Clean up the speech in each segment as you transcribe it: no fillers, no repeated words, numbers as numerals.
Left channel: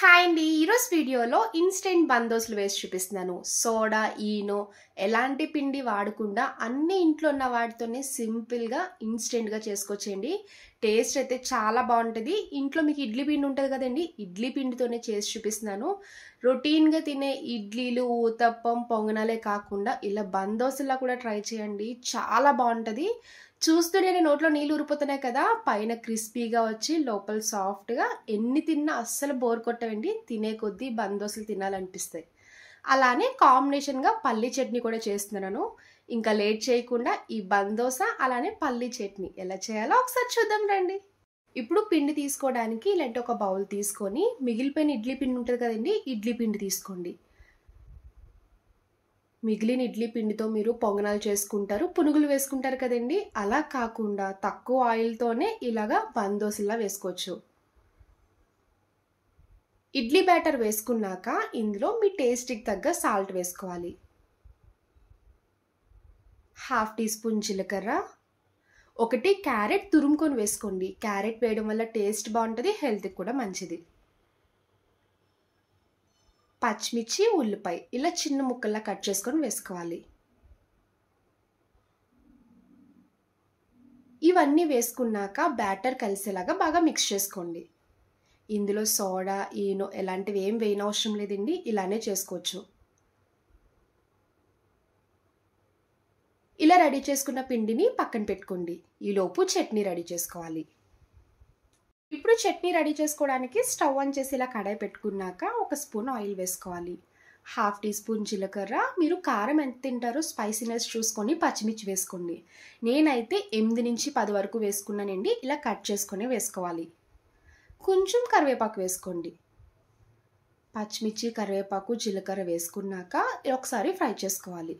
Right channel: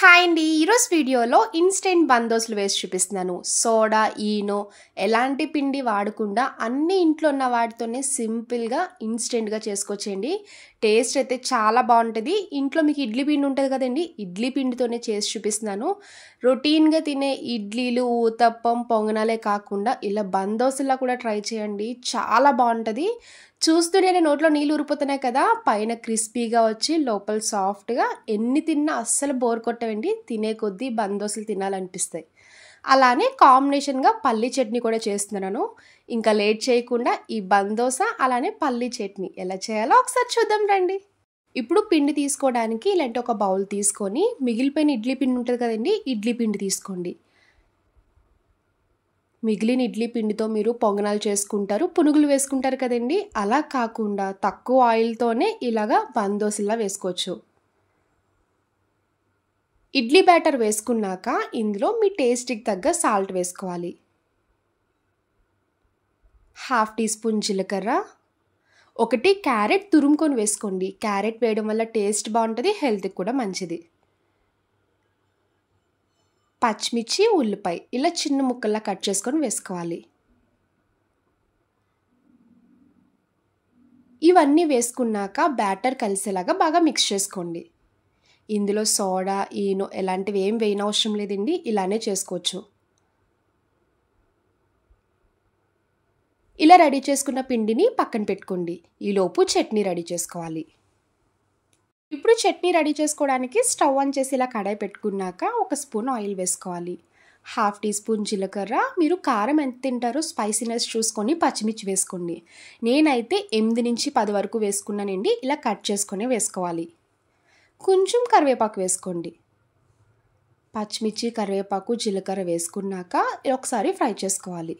Hi అండి. ఈరోజు వీడియోలో ఇన్స్టెంట్ బందోసులు వేసి చూపిస్తున్నాను. సోడా, ఈనో ఎలాంటి పిండి వాడకుండా అన్ని ఇంట్లో ఉన్న వాటితోనే సింపుల్గా ఇన్స్టెంట్గా చేసుకోవచ్చండి. టేస్ట్ అయితే చాలా బాగుంటుంది. ఇంట్లో మీకు ఇడ్లీ పిండి ఉంటుంది కదండి, ఇడ్లీ పిండితోనే చేసి చూపిస్తున్నాను. రొటీన్గా తినే ఇడ్లీలు, ఊతప్పం, పొంగనాలే కాకుండా ఇలా బందోసులా కూడా ట్రై చేయండి. చాలా బాగుంటుంది. చూస్తూనే నోట్లో నీళ్ళు ఊరిపోతున్నాయి కదా. పైన క్రిస్పీగా వచ్చి లోపల సాఫ్ట్గా, ఎన్ని తిన్నా అస్సలు బోర్ కొట్టవండి. తినే కొద్దీ బందోసులు తినాలనిపిస్తాయి. అలానే కాంబినేషన్గా పల్లీ చట్నీ కూడా చేస్తున్నాను. ఇంకా లేట్ చేయకుండా ఈ బందోస అలానే పల్లీ చట్నీ ఎలా చేయాలో ఒకసారి చూద్దాం రండి. ఇప్పుడు పిండి తీసుకోవడానికి ఇలాంటి ఒక బౌల్ తీసుకొని, మిగిలిపోయిన ఇడ్లీ పిండి ఉంటుంది కదండి, ఇడ్లీ పిండి తీసుకోండి. మిగిలిన ఇడ్లీ పిండితో మీరు పొంగనాలు చేసుకుంటారు, పునుగులు వేసుకుంటారు కదండి. అలా కాకుండా తక్కువ ఆయిల్తోనే ఇలాగా బందోసులా వేసుకోవచ్చు. ఇడ్లీ బ్యాటర్ వేసుకున్నాక ఇందులో మీ టేస్ట్కి తగ్గ సాల్ట్ వేసుకోవాలి. 1/2 టీ స్పూన్ జీలకర్ర, 1 క్యారెట్ తురుముకొని వేసుకోండి. క్యారెట్ వేయడం వల్ల టేస్ట్ బాగుంటుంది, హెల్త్కి కూడా మంచిది. పచ్చిమిర్చి, ఉల్లిపాయ ఇలా చిన్న ముక్కల్లా కట్ చేసుకొని వేసుకోవాలి. ఇవన్నీ వేసుకున్నాక బ్యాటర్ కలిసేలాగా బాగా మిక్స్ చేసుకోండి. ఇందులో సోడా, ఈనో ఎలాంటివి ఏం వేయనవసరం లేదండి, ఇలానే చేసుకోవచ్చు. ఇలా రెడీ చేసుకున్న పిండిని పక్కన పెట్టుకోండి. ఈలోపు చట్నీ రెడీ చేసుకోవాలి. ఇప్పుడు చట్నీ రెడీ చేసుకోవడానికి స్టవ్ ఆన్ చేసి ఇలా కడాయి పెట్టుకున్నాక 1 స్పూన్ ఆయిల్ వేసుకోవాలి. 1/2 టీ స్పూన్ జీలకర్ర, మీరు కారం ఎంత తింటారో స్పైసీనెస్ చూసుకొని పచ్చిమిర్చి వేసుకోండి. నేనైతే 8 నుంచి 10 వరకు వేసుకున్నానండి. ఇలా కట్ చేసుకొని వేసుకోవాలి. కొంచెం కరివేపాకు వేసుకోండి. పచ్చిమిర్చి, కరివేపాకు, జీలకర్ర వేసుకున్నాక ఒకసారి ఫ్రై చేసుకోవాలి.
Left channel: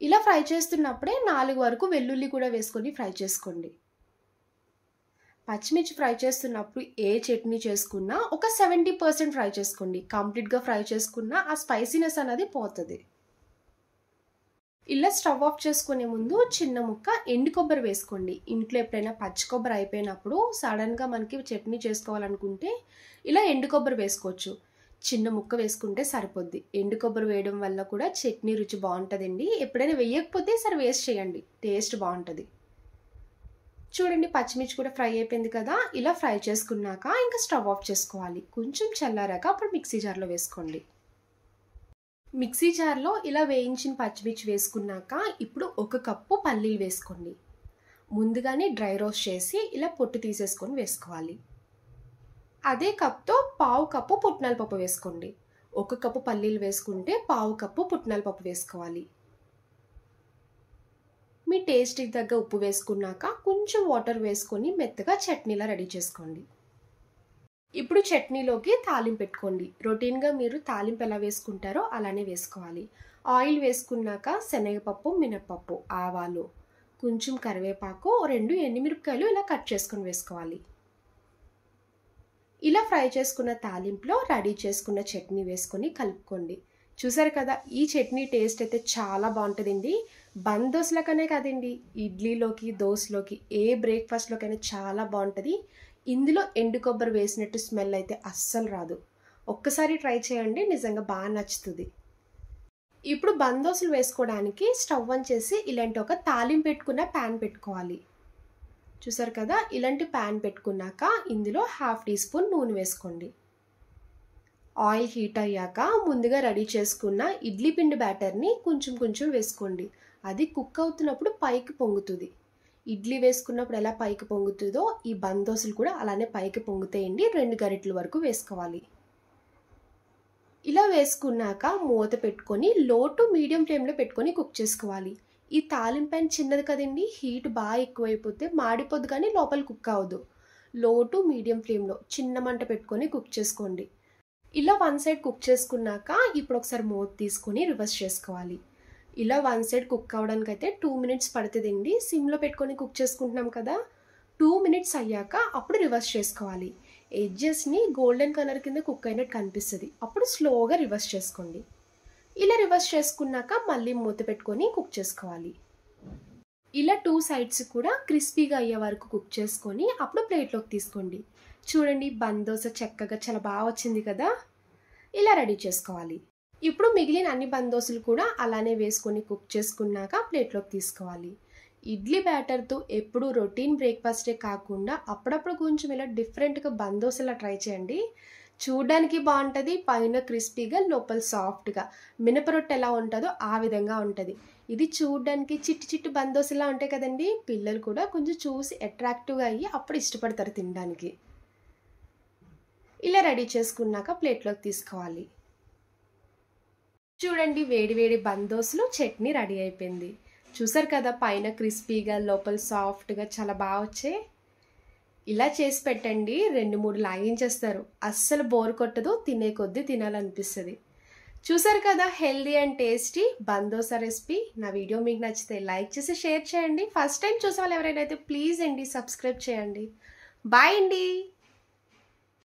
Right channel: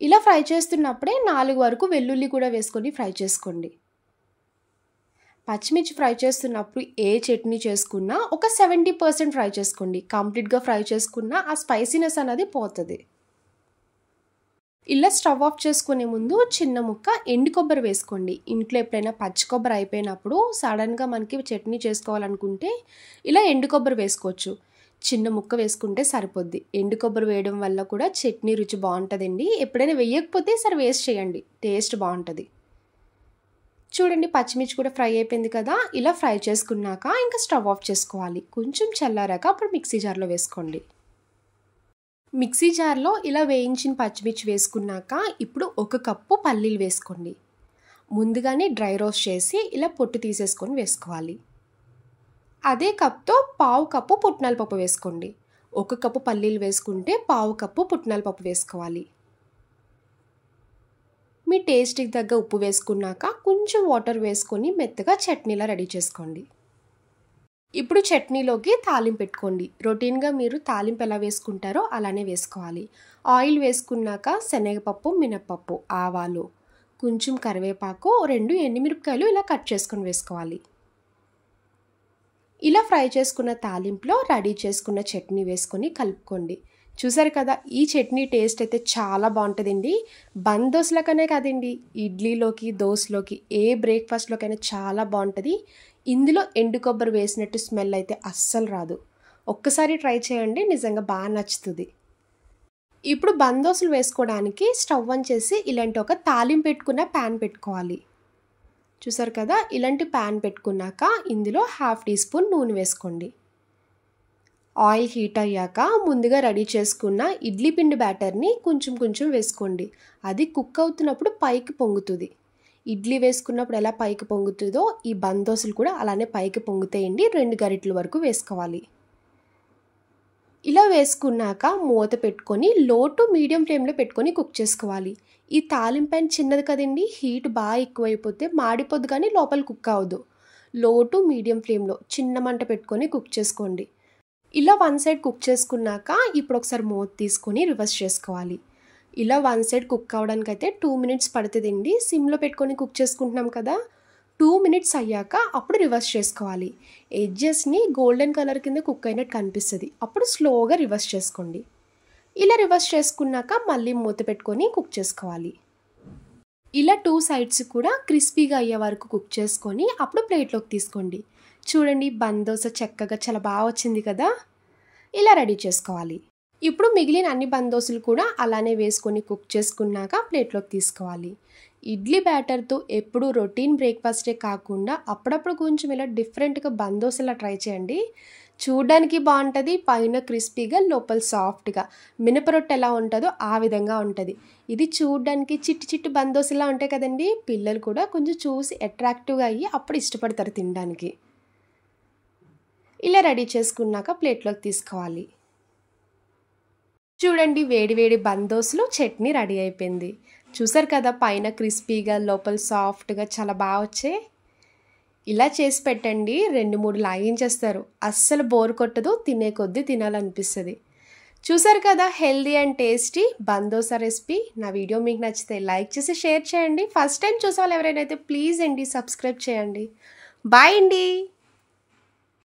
ఇలా ఫ్రై చేస్తున్నప్పుడే 4 వరకు వెల్లుల్లి కూడా వేసుకొని ఫ్రై చేసుకోండి. పచ్చిమిర్చి ఫ్రై చేస్తున్నప్పుడు ఏ చట్నీ చేసుకున్నా ఒక 70% ఫ్రై చేసుకోండి. కంప్లీట్గా ఫ్రై చేసుకున్నా ఆ స్పైసీనెస్ అనేది పోతుంది. ఇలా స్టవ్ ఆఫ్ చేసుకునే ముందు చిన్న ముక్క ఎండు కొబ్బరి వేసుకోండి. ఇంట్లో ఎప్పుడైనా పచ్చి కొబ్బరి అయిపోయినప్పుడు సడన్గా మనకి చట్నీ చేసుకోవాలనుకుంటే ఇలా ఎండు కొబ్బరి వేసుకోవచ్చు. చిన్న ముక్క వేసుకుంటే సరిపోద్ది. ఎండు కొబ్బరి వేయడం వల్ల కూడా చట్నీ రుచి బాగుంటుందండి. ఎప్పుడైనా వేయకపోతే సరే వేస్ట్ చేయండి, టేస్ట్ బాగుంటుంది. చూడండి, పచ్చిమిర్చి కూడా ఫ్రై అయిపోయింది కదా. ఇలా ఫ్రై చేసుకున్నాక ఇంకా స్టవ్ ఆఫ్ చేసుకోవాలి. కొంచెం చల్లారాక అప్పుడు మిక్సీ జార్లో వేసుకోండి. మిక్సీ జార్లో ఇలా వేయించిన పచ్చిమిర్చి వేసుకున్నాక ఇప్పుడు 1 కప్పు పల్లీలు వేసుకోండి. ముందుగానే డ్రై రోస్ట్ చేసి ఇలా పొట్టు తీసేసుకొని వేసుకోవాలి. అదే కప్తో 1/2 కప్పు పుట్నాల పప్పు వేసుకోండి. 1 కప్పు పల్లీలు వేసుకుంటే 1/2 కప్పు పుట్నాల పప్పు వేసుకోవాలి. మీ టేస్ట్కి తగ్గ ఉప్పు వేసుకున్నాక కొంచెం వాటర్ వేసుకొని మెత్తగా చట్నీలా రెడీ చేసుకోండి. ఇప్పుడు చట్నీలోకి తాలింపు పెట్టుకోండి. రొటీన్గా మీరు తాలింపు ఎలా వేసుకుంటారో అలానే వేసుకోవాలి. ఆయిల్ వేసుకున్నాక శనగపప్పు, మినపప్పు, ఆవాలు, కొంచెం కరివేపాకు, 2 ఎండుమిరపకాయలు ఇలా కట్ చేసుకొని వేసుకోవాలి. ఇలా ఫ్రై చేసుకున్న తాలింపులో రెడీ చేసుకున్న చట్నీ వేసుకొని కలుపుకోండి. చూసారు కదా, ఈ చట్నీ టేస్ట్ అయితే చాలా బాగుంటుందండి. బందోసులకనే కాదండి, ఇడ్లీలోకి, దోశలోకి, ఏ బ్రేక్ఫాస్ట్లోకైనా చాలా బాగుంటుంది. ఇందులో ఎండు కొబ్బరి వేసినట్టు స్మెల్ అయితే అస్సలు రాదు. ఒక్కసారి ట్రై చేయండి, నిజంగా బాగా నచ్చుతుంది. ఇప్పుడు బందోసులు వేసుకోవడానికి స్టవ్ ఆన్ చేసి ఇలాంటి ఒక తాలింపు పెట్టుకున్న ప్యాన్ పెట్టుకోవాలి. చూసారు కదా, ఇలాంటి ప్యాన్ పెట్టుకున్నాక ఇందులో 1/2 టీ స్పూన్ నూనె వేసుకోండి. ఆయిల్ హీట్ అయ్యాక ముందుగా రెడీ చేసుకున్న ఇడ్లీ పిండి బ్యాటర్ని కొంచెం కొంచెం వేసుకోండి. అది కుక్ అవుతున్నప్పుడు పైకి పొంగుతుంది. ఇడ్లీ వేసుకున్నప్పుడు ఎలా పైకి పొంగుతుందో ఈ బందోసులు కూడా అలానే పైకి పొంగుతాయండి. 2 గరిటెల వరకు వేసుకోవాలి. ఇలా వేసుకున్నాక మూత పెట్టుకొని లో టు మీడియం ఫ్లేమ్లో పెట్టుకొని కుక్ చేసుకోవాలి. ఈ తాలింపు ప్యాన్ చిన్నది కదండి, హీట్ బాగా ఎక్కువైపోతే మాడిపోద్దు కానీ లోపల కుక్ అవ్వదు. లో టు మీడియం ఫ్లేమ్లో చిన్న మంట పెట్టుకొని కుక్ చేసుకోండి. ఇలా 1 సైడ్ కుక్ చేసుకున్నాక ఇప్పుడు ఒకసారి మూత తీసుకొని రివర్స్ చేసుకోవాలి. ఇలా 1 సైడ్ కుక్ అవ్వడానికి అయితే 2 మినిట్స్ పడుతుందండి. సిమ్లో పెట్టుకొని కుక్ చేసుకుంటున్నాం కదా. 2 మినిట్స్ అయ్యాక అప్పుడు రివర్స్ చేసుకోవాలి. ఎడ్జెస్ని గోల్డెన్ కలర్ కింద కుక్ అయినట్టు కనిపిస్తుంది. అప్పుడు స్లోగా రివర్స్ చేసుకోండి. ఇలా రివర్స్ చేసుకున్నాక మళ్ళీ మూత పెట్టుకొని కుక్ చేసుకోవాలి. ఇలా 2 సైడ్స్ కూడా క్రిస్పీగా అయ్యే వరకు కుక్ చేసుకొని అప్పుడు ప్లేట్లోకి తీసుకోండి. చూడండి బందోస చక్కగా చాలా బాగా వచ్చింది కదా. ఇలా రెడీ చేసుకోవాలి. ఇప్పుడు మిగిలిన అన్ని బందోసులు కూడా అలానే వేసుకొని కుక్ చేసుకున్నాక ప్లేట్లోకి తీసుకోవాలి. ఇడ్లీ బ్యాటర్తో ఎప్పుడు రొటీన్ బ్రేక్ఫాస్టే కాకుండా అప్పుడప్పుడు కొంచెం ఇలా డిఫరెంట్గా బందోసలా ట్రై చేయండి. చూడడానికి బాగుంటుంది, పైన క్రిస్పీగా లోపల సాఫ్ట్గా మినపరొట్టె ఎలా ఉంటుందో ఆ విధంగా ఉంటుంది. ఇది చూడడానికి చిట్టి చిట్టి బందోసలా ఉంటాయి కదండి. పిల్లలు కూడా కొంచెం చూసి అట్రాక్టివ్గా అయ్యి అప్పుడు ఇష్టపడతారు తినడానికి. ఇలా రెడీ చేసుకున్నాక ప్లేట్లోకి తీసుకోవాలి. చూడండి వేడి వేడి బందోసులు చట్నీ రెడీ అయిపోయింది. చూసారు కదా పైన క్రిస్పీగా లోపల సాఫ్ట్గా చాలా బాగా వచ్చాయి. ఇలా చేసి పెట్టండి, 2-3 లాగించేస్తారు. అస్సలు బోర్ కొట్టదు, తినే కొద్దీ తినాలనిపిస్తుంది. చూసారు కదా హెల్దీ అండ్ టేస్టీ బందోసా రెసిపీ. నా వీడియో మీకు నచ్చితే లైక్ చేసి షేర్ చేయండి. ఫస్ట్ టైం చూసాలి ఎవరైనా అయితే ప్లీజ్ అండి సబ్స్క్రైబ్ చేయండి. బాయ్ అండి.